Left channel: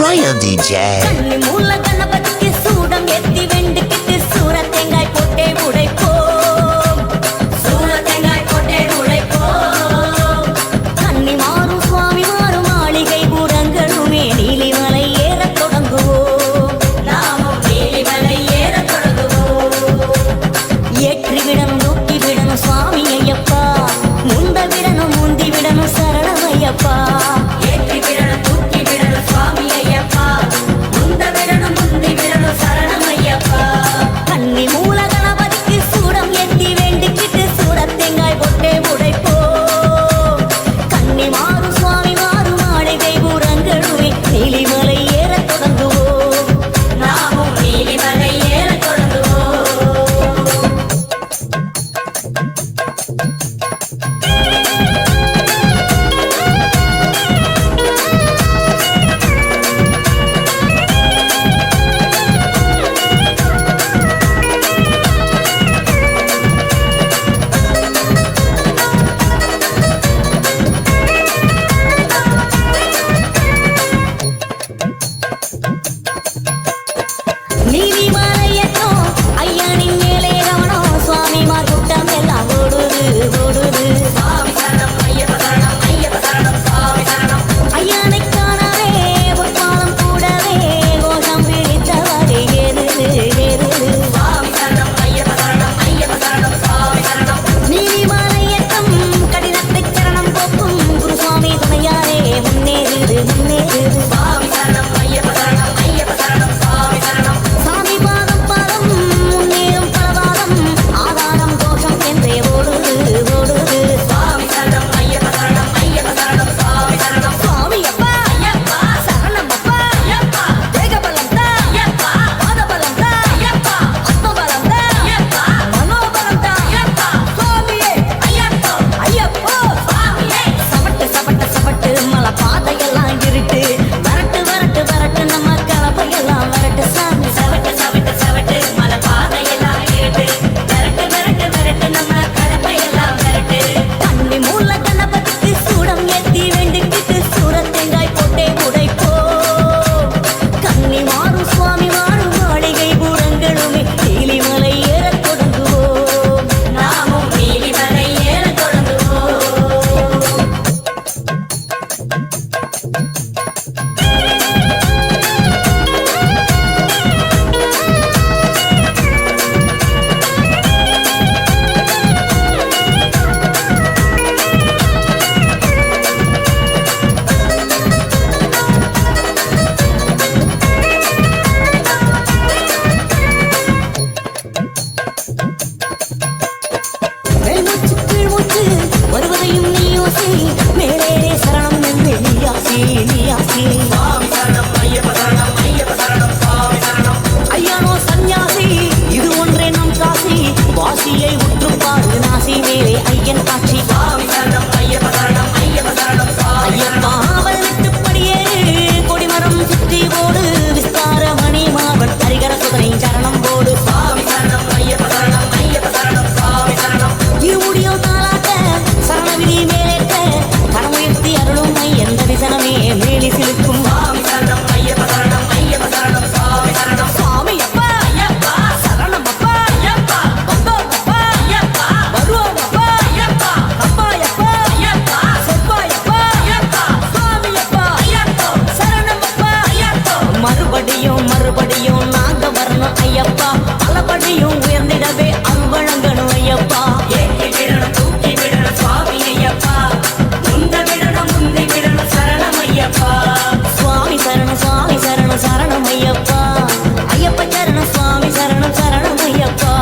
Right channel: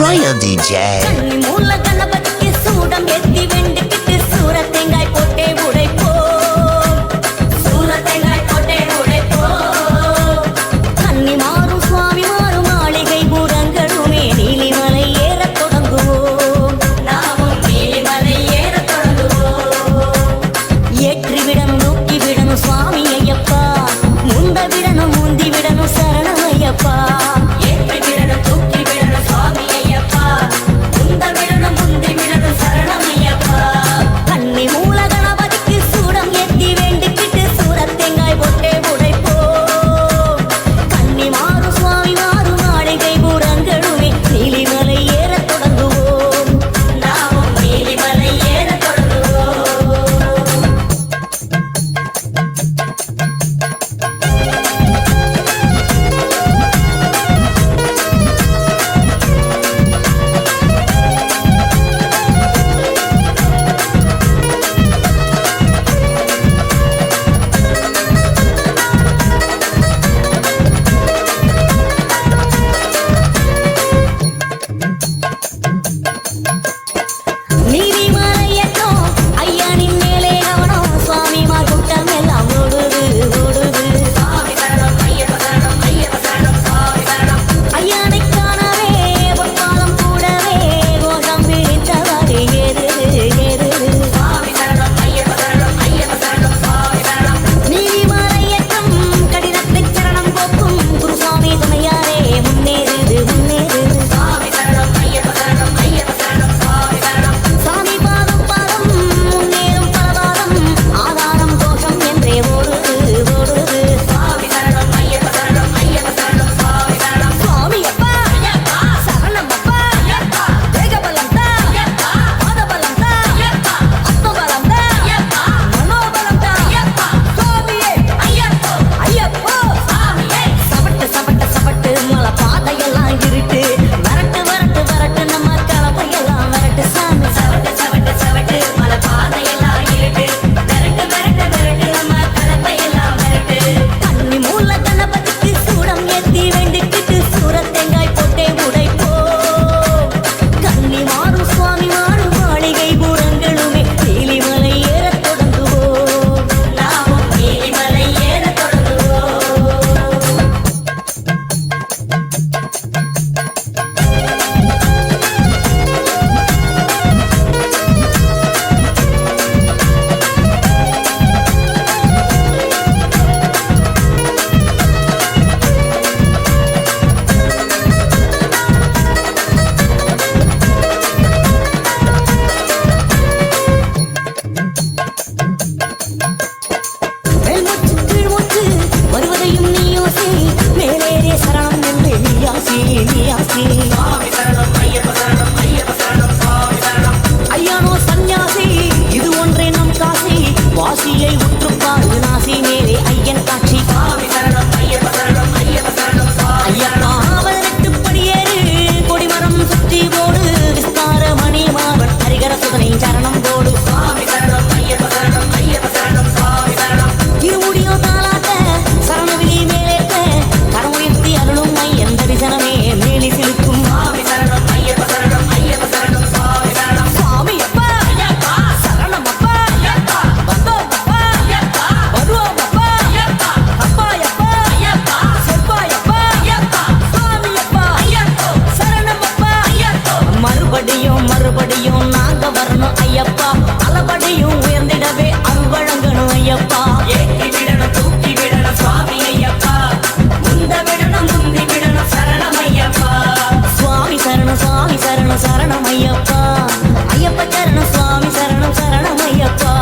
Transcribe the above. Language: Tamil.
Royal DJ. கன்னி மூல கணபதிக்கு சூடம் ஏத்தி வெண்டுக்கிட்டு சூர தேங்காய் போட்டே உடைப்போம். சூர தேங்காய் போட்டே உடைப்போம். கன்னி மாறும் சுவாமி மாறும் மாளிகை பூரங்களுமே நீலிமலை ஏறத் தொடங்குவோம். நாமும் நீலிமலை ஏறத் தொடங்குவோம். ஏற்றி விடணும் தூக்கி விடணும் சுவாமி ஐயப்பா, முந்த விடணும் முந்தி விடணும் சரணம் ஐயப்பா. ஏற்றி விடணும் தூக்கி விடணும் சுவாமி ஐயப்பா, முந்த விடணும் முந்தி விடணும் சரணம் ஐயப்பா. கன்னி மூல கணபதிக்கு சூடம் ஏத்தி வேண்டிக்கிட்டு சூர தேங்காய் போட்டே உடைப்போம். கன்னி மாறும் சுவாமி மாறும் மாளிகை பூரங்களுமே நீலிமலை ஏறத் தொடங்குவோம். நாமும் நீலிமலை ஏறத் தொடங்குவோம். நீலிமலையட்டும் ஐயனின் மேலே கவனம், சுவாமிமார் கூட்டம் எல்லாம் ஓடுது ஓடுது. ஐயனை காணவே பொற்பாலம் கூடவே கோஷம் பிடித்தவாறு ஏறுது ஏறுது. நீலிமலையட்டும் கடினத்தை சரணம் போக்கும் குருசுவாமி துணையாரே முன்னேறுது முன்னேறுது. சாமி பாதம் பாதம் முன்னேறும் பலவாதம் ஆதாரம் கோஷம் என்றே ஓடுது ஓடுது. சுவாமி அப்பா சரணம் அப்பா, தேகபலம் தா, பாதபலம் தா, ஆத்மபலம் தா, மனோபலம் தா. சுவாமியே ஐயப்போ, சபட்டு சபட்டு சபட்டு மலை பாதையெல்லாம் இருட்டு, வரட்டு வரட்டு வரட்டு நம்ம கலப்பையெல்லாம் வரட்டு சாமி. சவட்டு சவட்டு சவட்டு மலை பாதையெல்லாம் இருட்டு, வரட்டு வரட்டு வரட்டு நம்ம கலப்பையெல்லாம் வரட்டு. கன்னி மூல கணபதிக்கு சூடம் ஏத்தி வேண்டிக்கிட்டு சூர தேங்காய் போட்டே உடைப்போம். கன்னி மாறும் சுவாமி மாறும் மாளிகை பூரங்களுமே நீலிமலை ஏறத் தொடங்குவோம். நாமும் நீலிமலை ஏறத் தொடங்குவோம். மேல்மூச்சு கீழ்மூச்சு வருவதையும் நீயோசி, மேலேறே சரணம் என்று நீயாசி நீயாசி. ஐயனோ சந்நியாசி இது ஒன்றே நம் காசி, வாசியை உற்றுப்பாடு நாசி மேலே ஐயன் காட்சி. ஐயப்பா 18 படியேறு கொடிமரம் சுற்றி போடு, விஸ்தார மணி மாவன் ஹரிகர சுதனை சரணம் போடு. இருமுடியோ தாளாட்ட சரணவிழி மேலேற்ற கரமுயர்த்தி அருளும் ஐயன் தரிசனமே மேலி சிலுக்கும். சுவாமி அப்பா சரணம் அப்பா, வந்தோம் அப்பா வருவோம் அப்பா, அப்பாயப்பா செப்பாயப்பா சுவாமி அப்பா சரணம் அப்பா. மறுபடியும் மறுபடியும் நாங்க வரணும் ஐயப்பா, பலபடியும் உயர்ந்திடவே அருள் வழங்கணும் ஐயப்பா. சுவாமி சரணம் சுவாமி சரணம் சரணம் ஐயப்பா, ஐயப்ப சரணம் சுவாமி சரணம் சரணம் ஐயப்பா.